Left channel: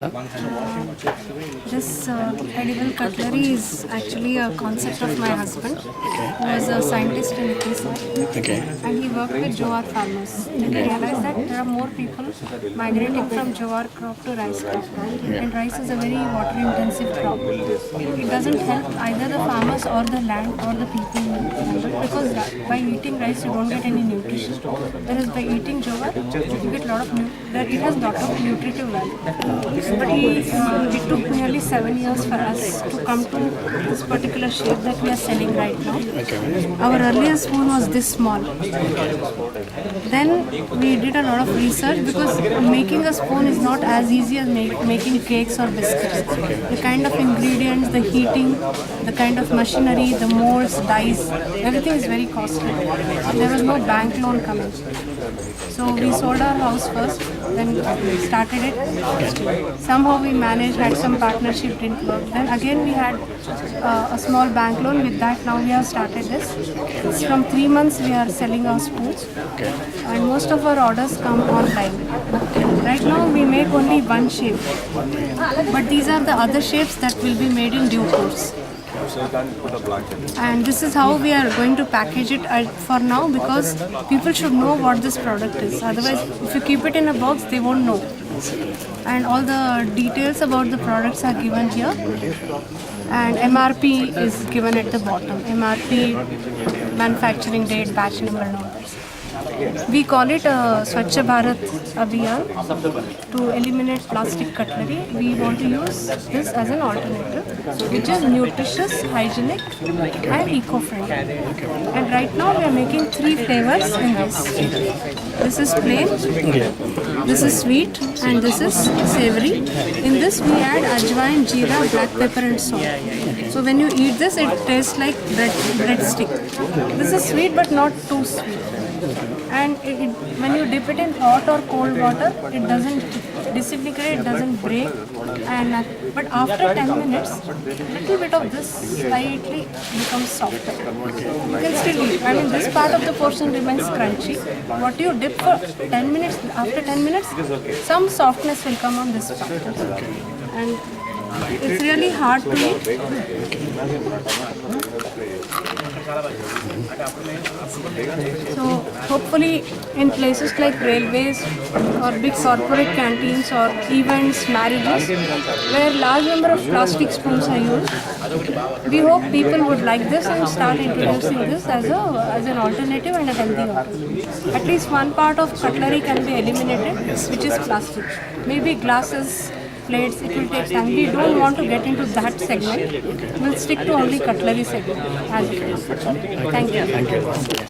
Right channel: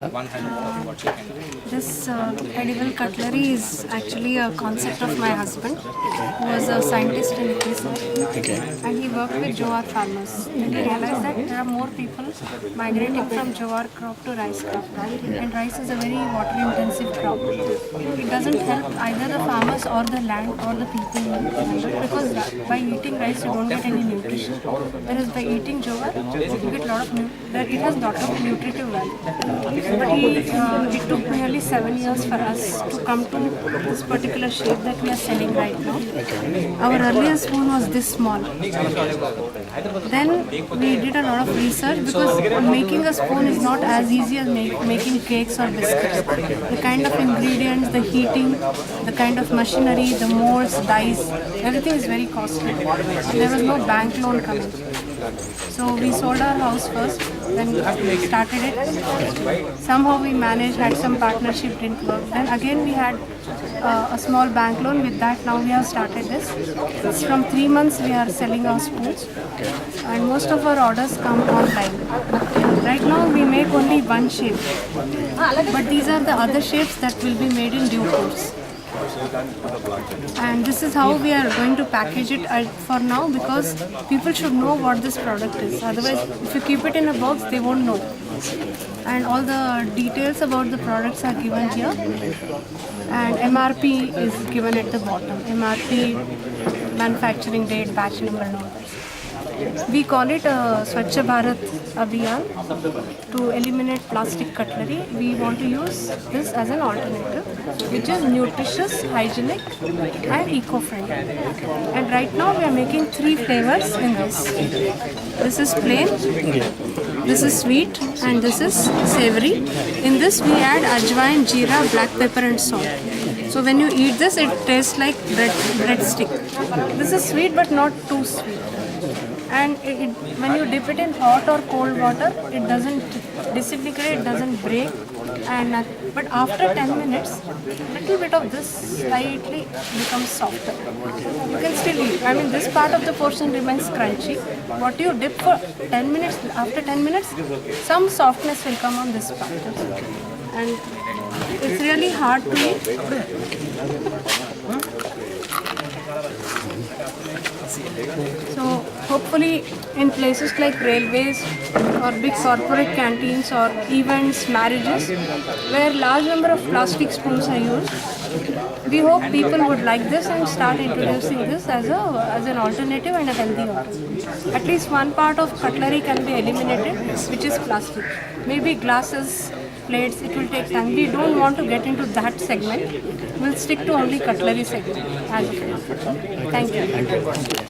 This edible cutlery is actually a concept of my husband, who was a scientist in ISRO, and he worked with jowar farmers. And he realized that there are more people migrating from jowar crop to rice crop, and rice is a very water-intensive crop. It doesn't help either the farmers or the land or the people, because by eating rice you don't get any nutrition, whereas by eating jowar you get a lot of it has lot of nutritive value. But it took nearly 7 years for us to come to this particular shape that we are selling right now. Our earlier spoon was this small. Then we did a lot of research, because making a spoon is not as easy as making cakes or biscuits. The kind of ingredients, the heating, the kind of machinery, the molds, dyes, everything is very costly. There was no bank loan coming. So we sold our house first, then started it. Somehow we managed, had some partnership, didn't work. Then again we had a small bank loan. With that now we have started this. It's from 3 months we are selling our spoons, and most of our orders come online. Right now we make only one shape, but these are the other shapes that will be made in due course. And this is how we are going to package it for now, because people should know what this product is. Otherwise, if you keep it in a box, they won't know. And all the details about the products are given here, and MRP is given at the bottom. MRP, manufacturing date, batch number, and all that. We call it Swachh Bharat Abhiyan. To eliminate plastic cutlery, we want to use this as an alternative, which is nutritious, hygienic, and eco-friendly. And right now we are making 3 flavors in this. This is plain, this is sweet, and this is savory. In this we add ajwain, jeera, black pepper, and salt. So when you eat this, it tastes like breadstick. This is sweet but not too sweet. And when you dip it in hot or cold water, it doesn't disintegrate, it doesn't break. But after 10 minutes, little bit of this slightly becomes softer. You can still eat. I mean, this part of the portion remains crunchy. What you dip for 10 minutes, after 10 minutes, some softness will come on this part. And it's really hard to eat. So hopefully in places like railways or big corporate canteens or events, marriages, where large number of plastic spoons are used, we hope people would like this and start introducing this as an alternative and a healthy alternative. At least one part of cutlery can be eliminated, which is plastic. Maybe glasses, plates, it will take time. We don't want to get into that segment. We'll stick to only cutlery segment as of now. Thank you.